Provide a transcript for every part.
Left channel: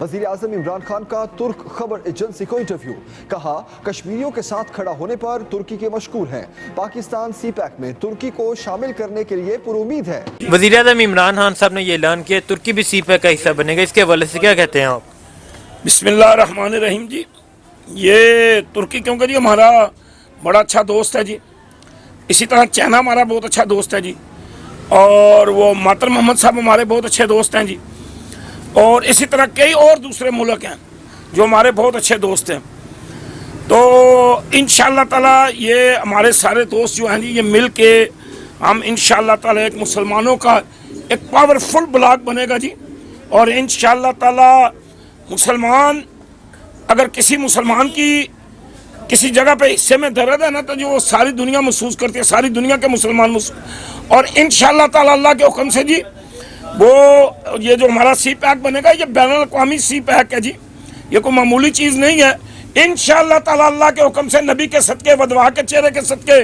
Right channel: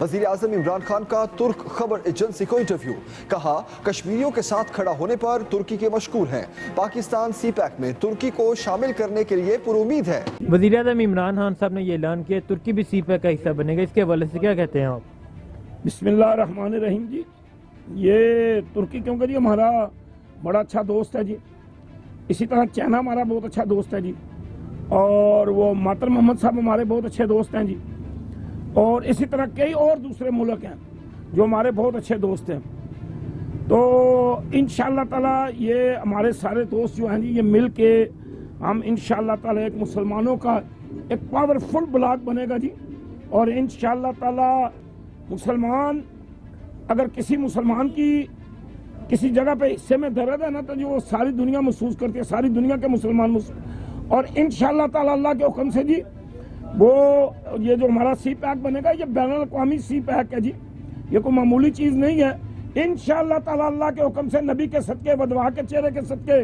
وزیر اعظم عمران خان کا ترک خبر ایجنسی کو انٹرویو، کہا کشمیریوں کے ساتھ کھڑا ہونے پر ترکی کے مشکور ہیں، پاکستان سی پیک میں ترکی کو شامل کرنے کے لیے پر امید ہے۔ وزیر اعظم عمران خان صاحب نے یہ اعلان کیا ترکی بھی سی پیک کا حصہ بنے گا، اس کے حوالے سے کیا کہتے ہیں آپ؟ بسم اللہ الرحمن الرحیم جی، یہ ترکی کیونکہ جی ہمارا بڑا اچھا دوست ہے جی، اسی طرح چائنا ہمارا بہت اچھا دوست ہے جی، اور وہ ماتر محمد صاحب ہمارے بہت اچھے دوست ہیں جی، اور اسی طرح کئی اور دوسرے ملک ہیں جو ہمارے بہت اچھے دوست ہیں۔ تو انشاءاللہ تعالی یہ ہمارے سارے دوست جو ہیں جی، یہ مل کے ہم انشاءاللہ تعالی ایک مسلمانوں کا ایک پاورفل بلاک بنے گا جی، اور انشاءاللہ تعالی مسلمان اگر کسی مسلمان کی کسی جگہ پہ حصے میں درد ہے نا تو جو وہ ساری دنیا محسوس کرتی ہے، ساری دنیا کے مسلمان محسوس، اور انشاءاللہ تعالی اللہ کے حکم سے جی وہ یہ جو ہمارا سی پیک بنے گا یہ بین الاقوامی سی پیک ہے جی، یہ کوئی معمولی چیز نہیں ہے۔ انشاءاللہ تعالی اللہ کے حکم سے نبی کے صدقے ودوا کے چہرے کے صدقے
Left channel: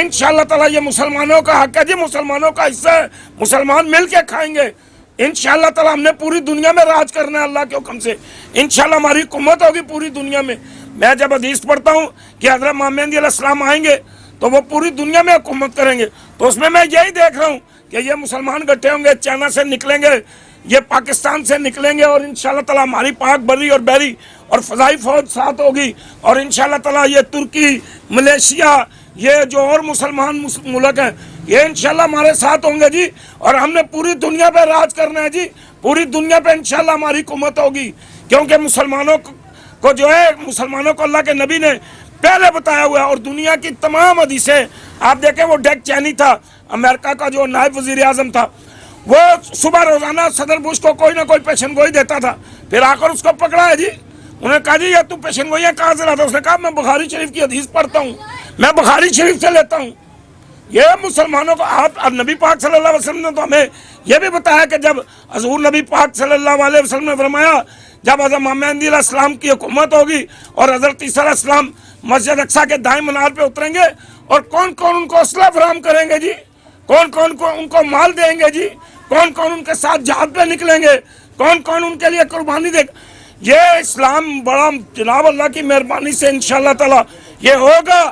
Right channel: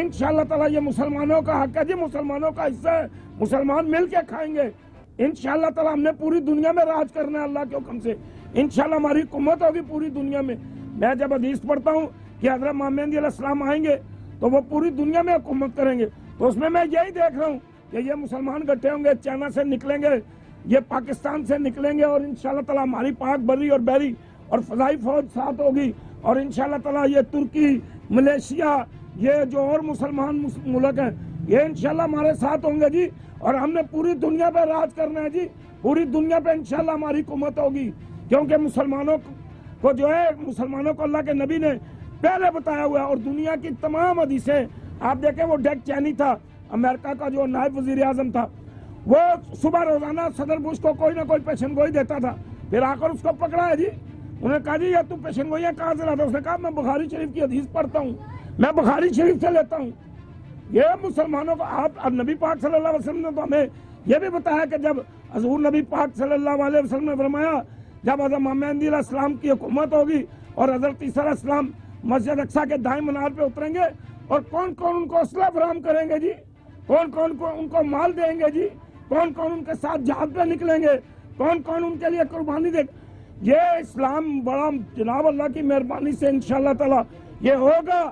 انشاءاللہ تعالی یہ مسلمانوں کا حق ہے جی، مسلمانوں کا حصہ ہے، مسلمان مل کے کھائیں گے انشاءاللہ تعالی۔ ہم نے پوری دنیا میں راج کرنا ہے اللہ کے حکم سے، انشاءاللہ ہماری حکومت ہوگی پوری دنیا میں۔ میں جب حدیث پڑھتا ہوں کہ حضرت امام مہدی علیہ السلام آئیں گے تو وہ پوری دنیا میں حکومت کریں گے، تو اس میں یہی دیکھ رہا ہوں کہ یہ مسلمان گٹھے ہوں گے، چائنا سے نکلیں گے، یہ پاکستان سے نکلیں گے، اور انشاءاللہ تعالی ہماری پاک بری اور بحری اور فضائی فوج ساتھ ہوگی، اور انشاءاللہ تعالی یہ ترکی، ملیشیا، یہ جو اور مسلمان ملک ہیں یہ انشاءاللہ ہمارے ساتھ ہوں گے جی، اور ہم نے پوری دنیا پہ راج کرنا ہے جی، پوری دنیا پہ انشاءاللہ ہماری حکومت ہوگی، کیونکہ مسلمانوں کو جو ہے مسلمانوں کو اللہ کے نبی نے پہلے بتایا ہوا ہے، اور دنیا کی تمام حدیثیں آپ دیکھیں، وہ ڈیک چینی تھا امریکہ کا جو نائب وزیر اعظم تھا، وہ صبح روزانہ صدر بش کو کوئی نہ کوئی پیشن گوئی دیتا تھا، پھر آ کر اس کو پکڑا ہے جی، انہوں نے کہا جی یہ تو پیشن گوئیاں کہاں سے لاتا؟ اس نے کہا میں بخاری شریف کی حدیث پڑھتا ہوں، میں بخاری شریف سے لیتا ہوں۔ یہ مسلمانوں کو آپ نبی پاک صلی اللہ علیہ وسلم نے تو ہمیں یہ بھی بتایا کہ جب حضور نبی پاک صلی اللہ علیہ وسلم نے فرمایا جب حضرت امام مہدی علیہ السلام کی حکومت ہوگی اور حضرت عیسیٰ علیہ السلام مسجد اقصیٰ کے دائیں منار پہ اتریں گے، اور کون کون ان کو اسلحہ فراہم کریں گے جی، کون کون ان کو مال دیں گے جی، کون کون ان کے ساتھ جہاد پہ نکلیں گے، کون کون ان کے لیے قربانی دے گا، یہ اسلام بڑا جناب اللہ کی مہربانی سے انشاءاللہ تعالی یہ ہوگا،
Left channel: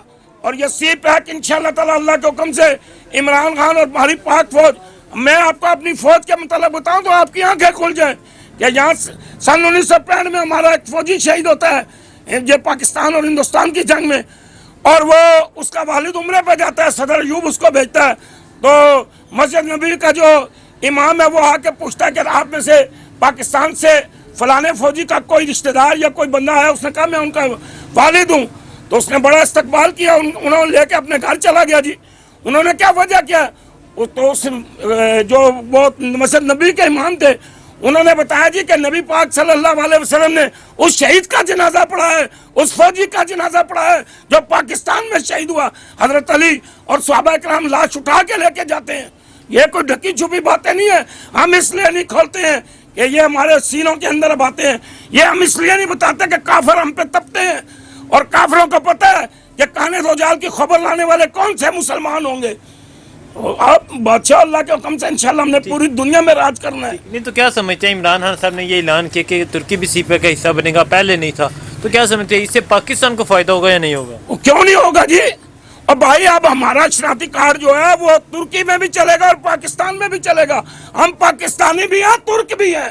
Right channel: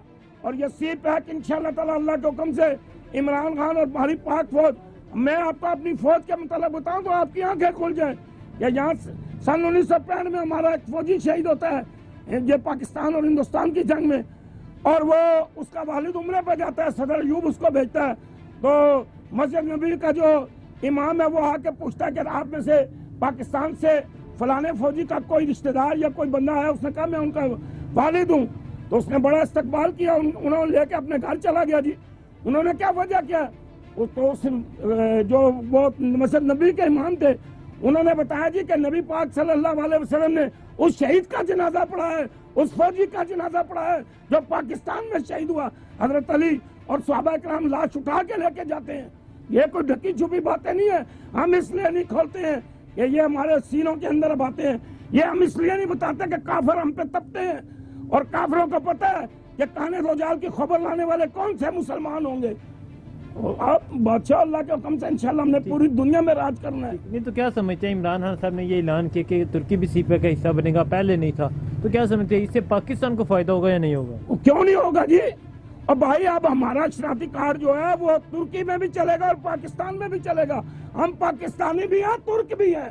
اور یہ سی پیک انشاءاللہ تعالی اللہ کے حکم سے عمران خان اور ہماری پاک فوج، میں آپ کو اپنی فوج کے متعلق بتاؤں تو آپ کی آنکھیں کھل جائیں کہ یہاں سن 1965 میں ہمارا ایک فوجی شہید ہوتا ہے یہ پاکستان اور ہندوستان کی جنگ میں، اور وہ اس کا والد عمرے پہ جاتا ہے، صدر ایوب اس کو بھیجتا ہے، تو مسجد نبی کا جو امام ہے وہ آ کے پوچھتا ہے کہ آپ میں سے پاکستان سے فلانے فوجی کا کوئی رشتہ دار یا کوئی بندہ ہے؟ اس نے کہا میں ان کا والد ہوں، تو اس نے بڑا استقبال کیا، انہوں نے لے کے اپنے گھر چلا گیا جی۔ انہوں نے کیا وجہ کیا؟ تو جو وہ مسجد نبی کے امام تھے انہوں نے بتایا جی کہ نبی پاک صلی اللہ علیہ وسلم نے اس شہید کا جنازہ پڑھا ہے، اس فوجی کا جنازہ پڑھا ہے جو پاکستان میں شہید ہوا۔ حضرت علی اور صحابہ کرام لاش اٹھا کے لے کے جاتے ہیں، یہ کوئی ڈھکی چھپی باتیں نہیں ہیں، ہم اس لیے نہیں کھولتے ہیں کہ یہ ہمارے سینوں کے اندر باتیں ہیں، یہ ہم اس لیے نہیں بتاتے کہ کافر ہم پہ تپتے ہیں، اور کافروں کو پتہ ہے کہ کانے روجال کی خبر لانے والے کون سے مسلمان ہوں گے۔ آپ بادشاہ اللہ کے حکم سے انشاءاللہ ہم نے پوری دنیا میں راج کرنا ہے۔ نہیں تو کیا سمجھتے ہیں عمران خان صاحب نے یہ اعلان کیا کہ ترکی بھی سی پیک کا حصہ بنے گا، پہلے نہیں تھا، تو کیا سمجھتے ہیں اس سے پاکستان کو فائدہ ہوگا یا نہیں ہوگا؟ کیوں نہیں ہوگا جی؟ اور بھائی اب ہمارا شناختی کارڈ جو ہے وہ ترکی میں بھی چلے گا اور پاکستان میں بھی چلے گا، ہم پاکستانی بھی ہیں ترک بھی ہیں،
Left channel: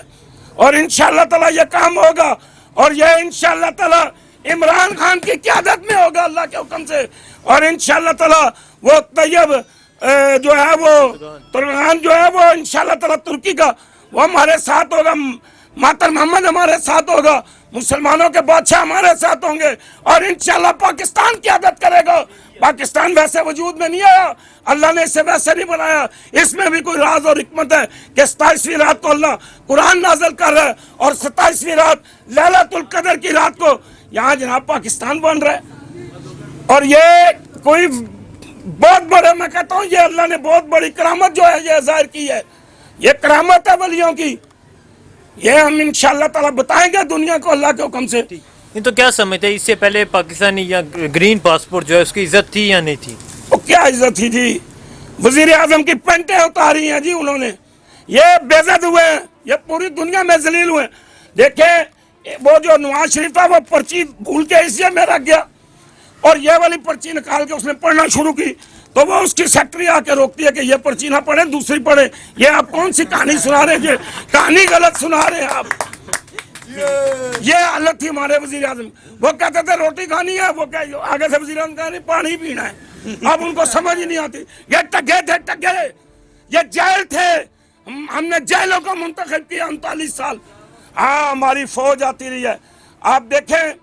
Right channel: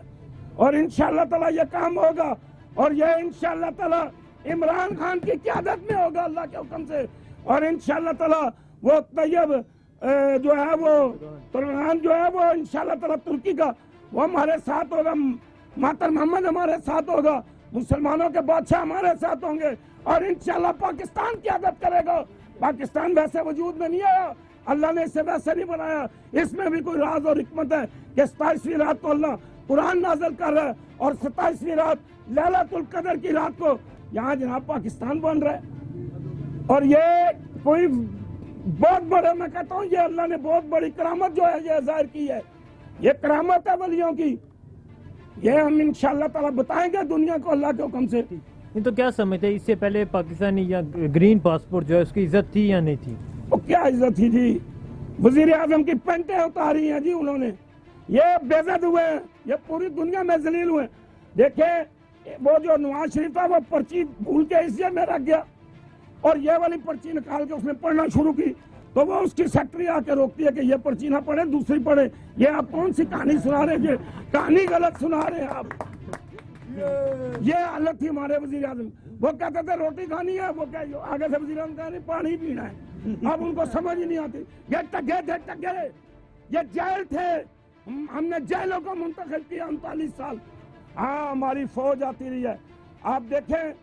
اور انشاءاللہ تعالی یہ کام ہوگا، اور یہ انشاءاللہ تعالی عمران خان کی قیادت میں ہوگا اللہ کے حکم سے، اور انشاءاللہ تعالی وہ طیب جو ہے وہ ترغان جو ہے وہ انشاءاللہ تعالی ترکی کا وہ ہمارے ساتھ ہوگا، ماتر محمد ہمارے ساتھ ہوگا، مسلمانوں کے بادشاہ ہمارے ساتھ ہوں گے، اور انشاءاللہ پاکستان قیادت کرے گا۔ پاکستان ویسے وجود میں نہیں آیا، اللہ نے اسے ویسے نہیں بنایا، اس میں بھی کوئی راز اور حکمت ہے کہ 27ویں رات کو اللہ قرآن نازل کر رہا ہے، اور 27ویں رات لیلۃ القدر کی رات کو یہاں جناب پاکستان بن رہا ہے، اور یہ کوئی بہت بڑے، میں کہتا ہوں یہ اللہ نے بہت بڑی کرامت جو ہے یہ ظاہر کی ہے، یہ کرامت ہے ولیوں کی، یہ ہم انشاءاللہ تعالی بتائیں گے دنیا کو اللہ کے حکم سے۔ نہیں تو کیا سمجھتے ہیں اس سے پہلے پاکستانی یا گرین پاسپورٹ جو ہے اس کی عزت تھی یا نہیں تھی؟ وہ کیا عزت تھی جی؟ وزیر اعظم کی پینٹیں اتاری ہیں جی انہوں نے، یہ بے عزت ہوئے ہیں، یہ پوری دنیا میں ذلیل ہوئے ہیں۔ دیکھیں وہ جو نواز شریف تھا وہ پرچی بھول کے اس میں رکھ گیا اور یہ والی پرچی نکال کے اس نے پڑھنا شروع کی تو وہ اس کی سیکٹری آ کے روکتی ہے کہ یہ پرچی نہ پڑھیں دوسری پڑھیں. یہ آپ کون سی کہانی سنا رہے ہیں؟ کہانی غلط سنا رہے ہیں آپ. یہ حالت تھی ہمارے وزیر اعظم. وہ کہتے تھے روٹی کھانی ہے, وہ کہ آگے سے وزیر اعظم کہا نہیں پانی پینا ہے. اب ان کو سمجھ ہی نہیں آتی. یہ ٹگے تھے ٹگے, یہ جیل تھے. ہم نے جیلوں کو منتخب کیا 39 سال. ہاں ہماری فوج آتی رہی ہے. آپ دیکھیں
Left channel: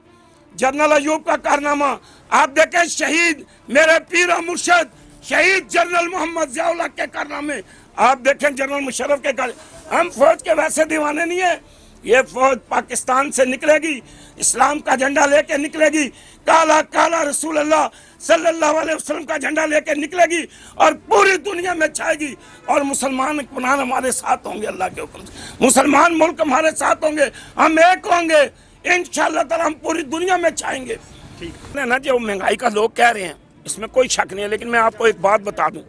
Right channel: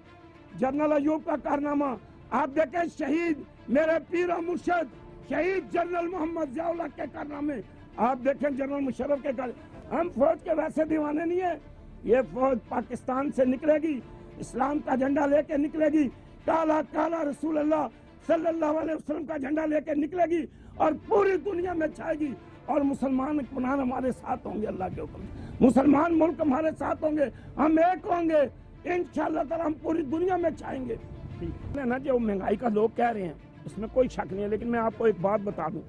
جنرل ایوب کا کارنامہ, آپ دیکھیں شہید میرے پیر و مرشد شہید جنرل محمد ضیاء الحق کے کارنامے, آپ دیکھیں جنرل مشرف کے ہم فوج کے ویسے دیوانے نہیں ہیں. یہ فوج پاکستان سے نکلے گی, اسلام کا جھنڈا لے کے نکلے گی, کالا کالا رسول اللہ صلی اللہ علیہ وسلم کا جھنڈا لے کے نکلے گی اور پوری دنیا میں چھائے گی. اور مسلمان اطمینان ہمارے ساتھ ہوں گے اللہ کے حکم سے. مسلمان ملک ہمارے ساتھ ہوں گے, ہم ایک ہوں گے انشاءاللہ تعالی, ہم پوری دنیا میں چھائیں گے. نا جو مہنگائی کا لوگ کہہ رہے ہیں اس میں کوئی شک نہیں ہے, لیکن میں آپ کو ایک بات بتا دوں.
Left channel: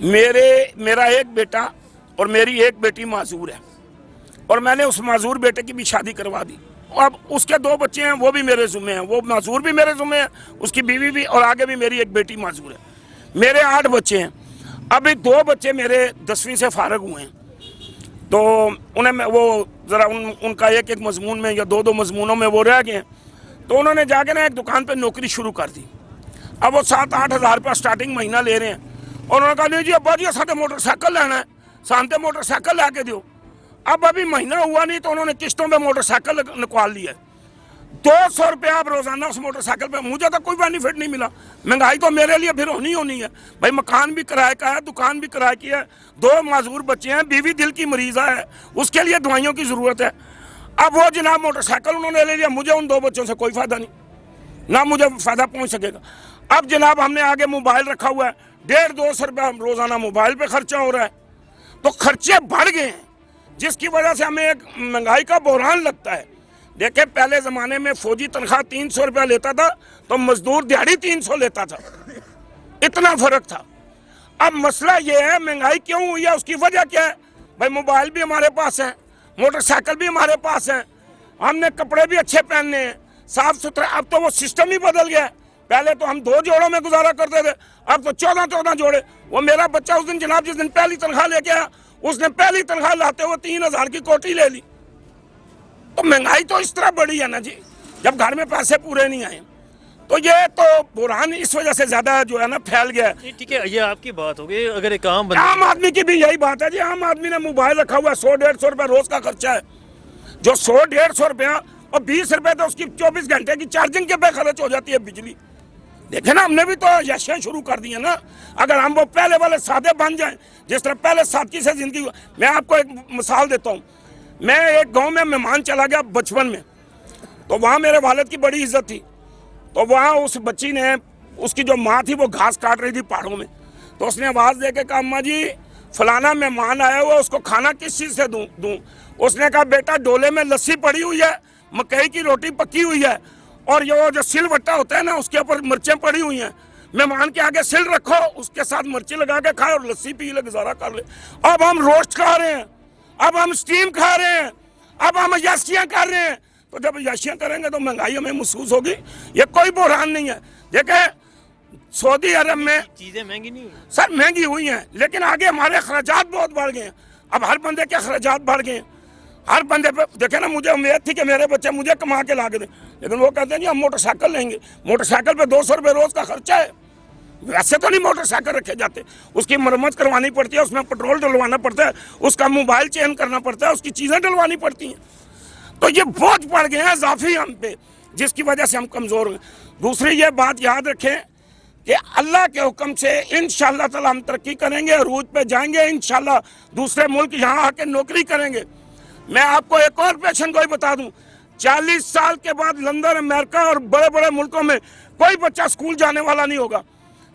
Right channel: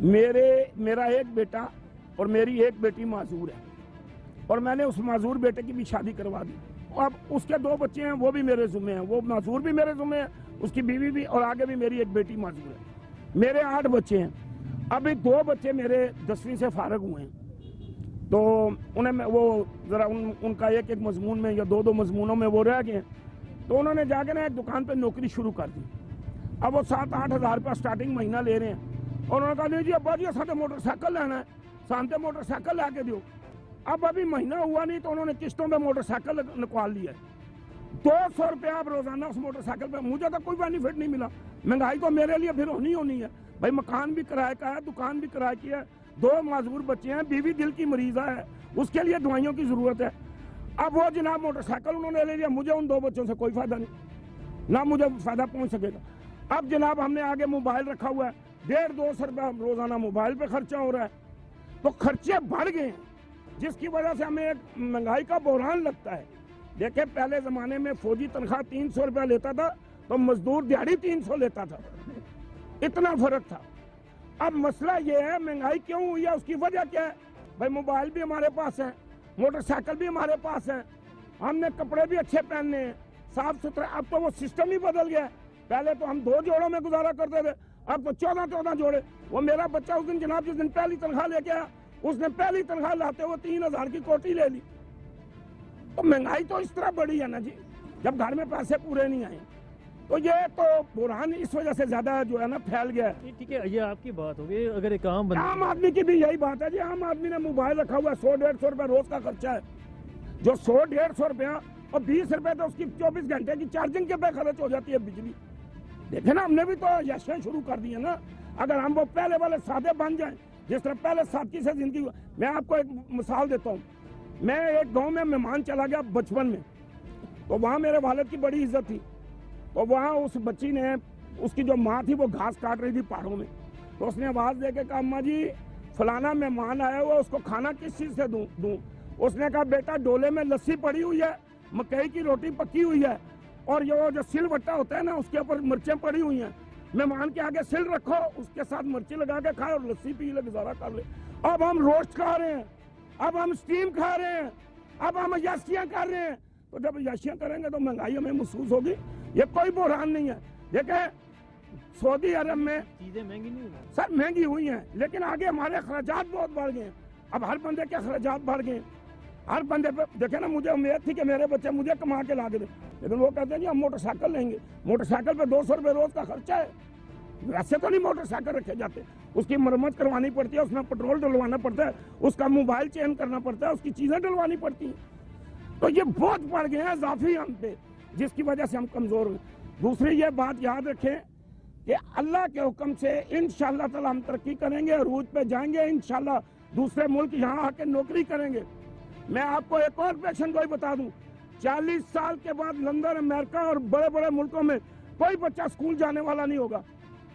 میرا ایک بیٹا اور میری ایک بیٹی معذور ہے اور میں نے اس معذور بیٹے کی بھی شادی کروا دی. اب اس کے 2 بچے ہیں, وہ بھی میرے ذمہ ہیں, وہ معذور بھی میرے ذمہ ہیں, اس کی بیوی بھی, اور آگے بھی میری ایک بیٹی معذور ہے. میرے 8 بچے ہیں. ابھی 2 بچے میرے 10ویں سے فارغ ہوئے ہیں تو انہیں وہ ذرا ان کا ایک مضمون میں یا 2 مضمونوں میں وہ رہ گئے ہیں, تو انہوں نے جا کے نا ایک دکان پہ نوکری شروع کر دی. اب وہ 7-8 ہزار روپیہ سٹارٹنگ مہینہ لے رہے ہیں اور انہوں نے کہا نہیں جی ابا جی ساتھ موٹر سائیکل لینا ہے, سانتے موٹر سائیکل لا کے دیو. اب ابھی مہینہ ہوا نہیں تو انہوں نے قسطوں پہ موٹر سائیکل نکال لیا ہے. 200 روپیہ اب روزانہ اس موٹر سائیکل پہ. مجھے تو کوئی بینیفٹ نہیں ملا. مہنگائی تو میرے لیے پھر ہونی ہے بھائی. مکان بھی کرائے کا ہے, دکان بھی کرائے کی ہے, 2 معذور بچے ہیں, بیوی دل کی مریضہ ہے, اس کے لیے دوائیوں کی ضرورت ہے. اب وہ جناب موٹر سائیکل انہوں نے لے لیا, مجھے ان 2 بچوں سے کوئی فائدہ نہیں, نہ مجھے فائدہ پہنچ سکے گا. اب جناب ہم نے آگے موبائل رکھا ہوا ہے, 150-200 روپیہ روزانہ موبائل پہ خرچہ ہو رہا ہے. تو خرچے بڑھ گئے ہیں جس کی وجہ سے ہمیں ایک مہنگائی کا بحران لگتا ہے. دیکھیں پہلے زمانے میں فوجی تنخواہ 300 روپیہ لیتا تھا تو مزدور دیہڑی 300 لیتا تھا, اتنا فرق تھا. اب مسئلہ یہ ہے مہنگائی کیوں ہوئی ہے, اس کی وجہ کیا ہے بھائی. موبائل بھی ہمارے پاس ہے, موٹر سائیکل بھی ہمارے پاس ہے, ہم نے کپڑے بھی اچھے پہننے ہیں, صاف ستھرے. اب تو وہ سسٹم ہی بدل گیا ہے. پہلے تو ہم 2 جوڑوں میں گزارا کرتے تھے, اب تو 14 جوڑے. وہ میرا بچہ اس دن جناب جس دن پہلی تنخواہ لے کے آیا, اس نے پہلی تنخواہ لاتے ہوئے 3000 کی کوٹی لے لی. تو مہنگائی تو اس طرح بڑی ہے نا جی, جب گھر میں پیسے پورے نہیں آئے. تو یہ تو بحران اس وجہ سے زیادہ جو ہے نا پھیل گیا ہے. ٹھیک ہے, یہ آپ کی بات ہوگی. اگر ایک عام آدمی کی بھی یہی بات ہے جی. عام آدمی نے موبائل رکھا ہوا ہے, 100-150 روپے روز کا خرچہ ہے. جو 100-150 روپیہ اور 20 روپے تو اس کی 24 گھنٹے کی چارجنگ کے پہ خرچ ہو جاتی ہے بجلی. دیکھیں نا ہم نے بھی تو یشیں شروع کر دی ہیں نا. اگر ہم وہ پہلے والے سادے بن جائیں جس طرح پہلے سادگی سے زندگی. میں آپ کو ایک مثال دیتا ہوں. میں ایک گاؤں میں مہمان چلا گیا بچپن میں, تو وہاں میرے والد کی بڑی عزت تھی. تو وہاں اس بچی نے, اس کی جو ماں تھی وہ گھاس کاٹ رہی تھی پہاڑوں میں, تو اس نے آواز دے کے کہا اماں جی فلانا مہمان آیا ہوا, اس کو کھانا کس چیز سے دوں. اس نے کہا بیٹا ڈولے میں لسی پڑی ہوئی ہے, مکئی کی روٹی پکی ہوئی ہے, اور یہ جو سل وٹا ہوتا ہے نا اس کے اوپر مرچیں پڑی ہوئی ہیں. مہمان کے آگے سل رکھو, اس کے ساتھ مرچیں لگا کے کھائے اور لسی پی لے, گزارا کر لے. اب ہم روسٹ کھا رہے ہیں, اب ہم سٹیم کھا رہے ہیں, اب ہم عیاشیاں کر رہے ہیں. تو جب عیاشیاں کریں گے تو مہنگائی ہمیں محسوس ہوگی. یہ کوئی بحران نہیں ہے. دیکھیں سعودی عرب میں چیزیں مہنگی نہیں ہوئی سر, مہنگی ہوئی ہیں, لیکن آگے ہمارے اخراجات بہت بڑھ گئے ہیں. اب ہر بندے کے اخراجات بڑھ گئے ہیں. ہر بندے پہ دیکھیں نا, مجھے امید تھی کہ میرے بچے مجھے کما کے لا کے دیں, لیکن وہ کہتے ہیں جی ہم موٹر سائیکل لیں گے. موٹر سائیکل پہ 200 روپے روز کا خرچہ ہے. ویسے تو نہیں موٹر سائیکل رکھے جاتے, اس کی مرمت کروانی پڑتی ہے, اس میں پٹرول ڈلوانا پڑتا ہے, اس کا موبائل چینج کرنا پڑتا ہے, اس کی چیزیں ڈلوانی پڑتی ہیں. تو یہ بوجھ پڑ گئے ہیں اضافی ہم پہ, جس کی وجہ سے ہم کمزور ہیں. دوسری یہ بات یاد رکھیں کہ اللہ کے حکم سے انشاءاللہ تعالی ہم ترقی کریں گے, عروج پہ جائیں گے انشاءاللہ. دوسرے ملک یہاں آ کے نوکری کریں گے. میں آپ کو ایک اور پیشن گوئی بتا دوں, 40 سال کے بعد لندن, امریکہ اور بڑے بڑے ملکوں میں کوئی بچہ اسکول جانے والا نہیں ہوگا,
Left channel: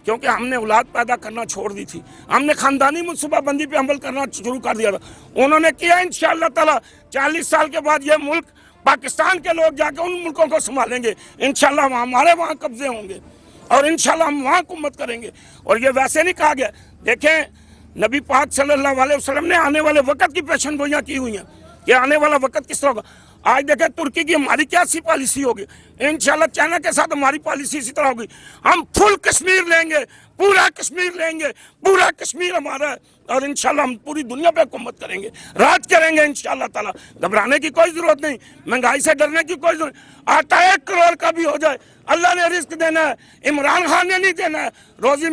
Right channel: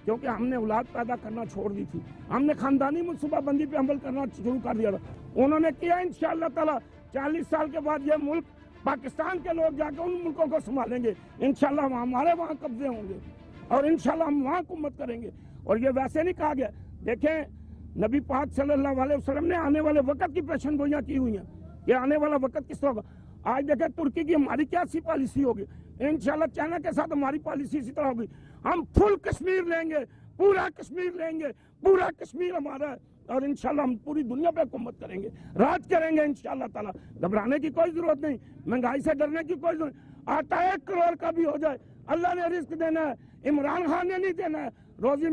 کیونکہ ہم نے اولاد پیدا کرنا چھوڑ دی تھی. ہم نے خاندانی منصوبہ بندی پہ عمل کرنا شروع کر دیا تھا. انہوں نے کیا انشاءاللہ تعالی 40 سال کے بعد یہ ملک پاکستان کے لوگ جا کے ان ملکوں کو سنبھالیں گے. انشاءاللہ ہمارے وہاں قبضے ہوں گے اور انشاءاللہ ہم وہاں حکومت کریں گے. اور یہ ویسے نہیں کہا گیا. دیکھیں نبی پاک صلی اللہ علیہ وسلم نے آنے والے وقت کی پیشن گوئیاں کی ہوئی ہیں کہ آنے والا وقت کس طرح ہوگا. آج دیکھیں ترکی کی ہماری کیا سی پالیسی ہوگی, انشاءاللہ چائنا کے ساتھ ہماری پالیسی اسی طرح ہوگی. ہم فل کشمیر لیں گے, پورا کشمیر لیں گے, پورا کشمیر ہمارا ہے, اور انشاءاللہ ہم پوری دنیا پہ حکومت کریں گے, راج کریں گے انشاءاللہ تعالیٰ. گھبرانے کی کوئی ضرورت نہیں, مہنگائی سے ڈرنے کی کوئی ضرورت نہیں. آٹا 1 کروڑ کا بھی ہو جائے, اللہ نے رزق دینا ہے, عمران خان نے نہیں دینا ہے. روزی میں